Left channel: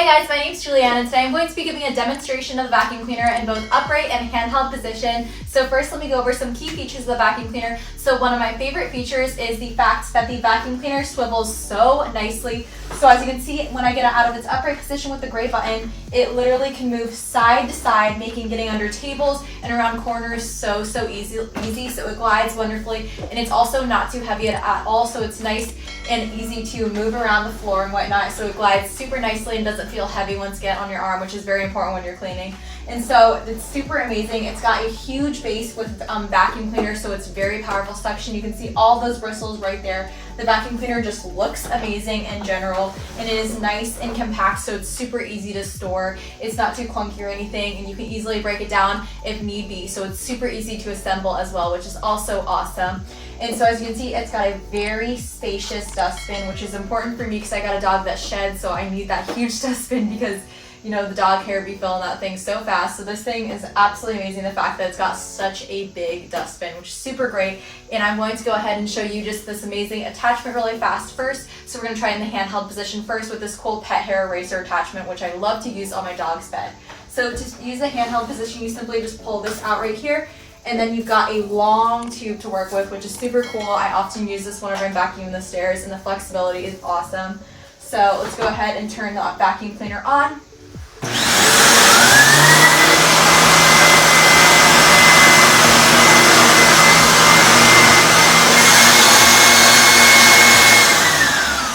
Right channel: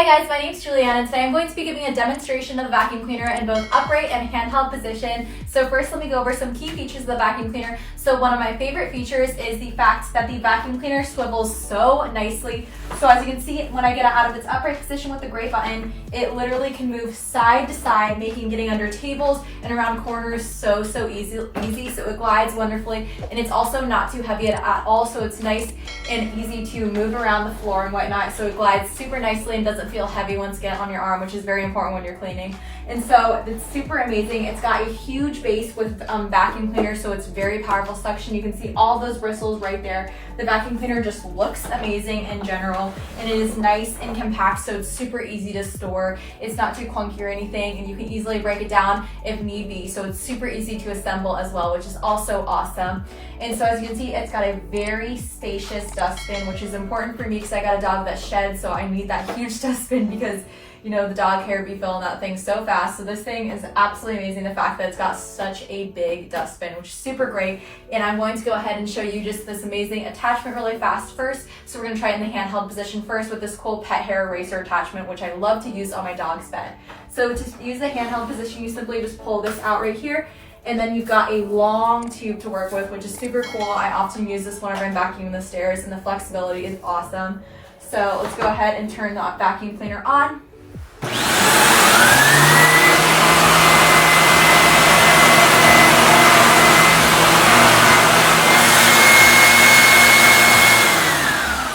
Hi guys, my name is Julianne and today I'm going to be giving a demonstration of the vacuum cleaner in both upright and handheld position. So first let me go over some key features of the vacuum cleaner. So one of my favorite features is the fact that the vacuum cleaner swivels so nicely. So as you can see, when I get it out of its upright position with the gray button, it literally can move side to side, making getting under tables and around corners so easy. So it glides wonderfully, and it's also not too heavy at all, so it's nice and easy to move around the floor and whatnot. So it glides super nicely and doesn't feel heavy once you get on your arm, which is very important when you're cleaning. And so it's super amazing. It's got a huge base with vacuum cleaner, so it's very powerful suction. You can see all those bristles right there. The vacuum cleaner just looks amazing in general, and it is nice and compact, so it's super easy to store. It's not too clunky or anything, and you can easily break it down if need be. So it's super easy to assemble as well, which is also awesome. And so as you can see, it's got a very spacious dustbin, which is important for me because I got a dog that sheds, so I need that huge dustbin because the dog hair be filling that thing so fast. So this thing is absolutely amazing, the fact that it's got such a big dustbin, which is super great. And I'm going to go ahead and show you just this amazing attachment really fast first. So we're going to try it in the handheld position first with this cool pet hair eraser attachment, which I love to use on my dog's bed. So to use the handheld position, you simply just pull this out right here, and then you've got a long tube to work with, which is super cool. I often use this whenever I'm vacuuming the stairs, and the flexibility is awesome. So let's go ahead and turn the vacuum cleaner on.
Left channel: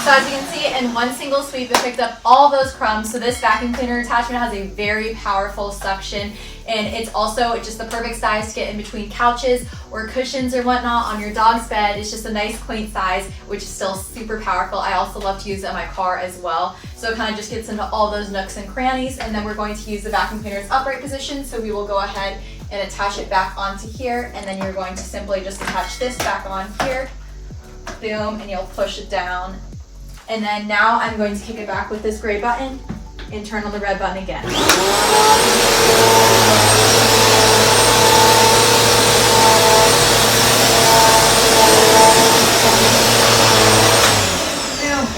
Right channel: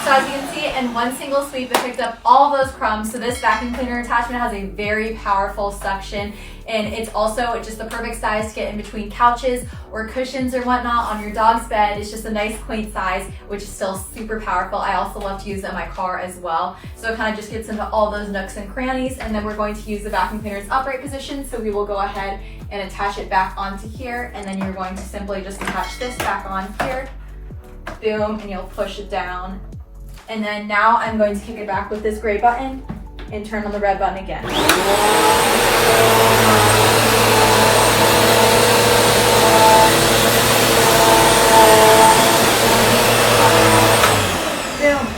So as you can see, in one single sweep, it picked up all those crumbs. So this vacuum cleaner attachment has a very powerful suction, and it's also just the perfect size to get in between couches or cushions or whatnot on your dog's bed. It's just a nice quaint size, which is still super powerful. I also love to use it in my car as well. So it kind of just gets into all those nooks and crannies. And then we're going to use the vacuum cleaner's upright position. So we will go ahead and attach it back onto here. And then you're going to simply just attach this back on here. Boom, and you'll push it down. And then now I'm going to kick it back with this gray button and turn on the red button again. Boom,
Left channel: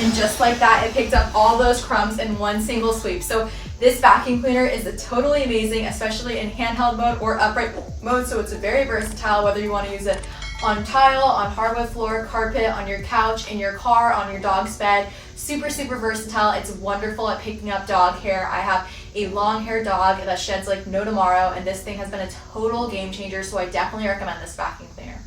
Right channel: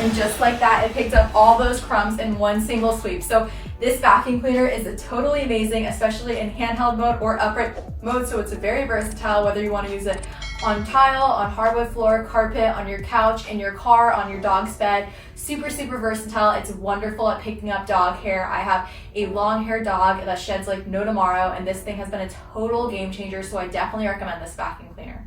and just like that, it picked up all those crumbs in one single sweep. So this vacuum cleaner is totally amazing, especially in handheld mode or upright mode. So it's very versatile, whether you want to use it on tile, on hardwood floor, carpet, on your couch, in your car, on your dog's bed. Super versatile. It's wonderful at picking up dog hair. I have a long haired dog that sheds like no tomorrow, and this thing has been a total game changer, so I definitely recommend this vacuum cleaner.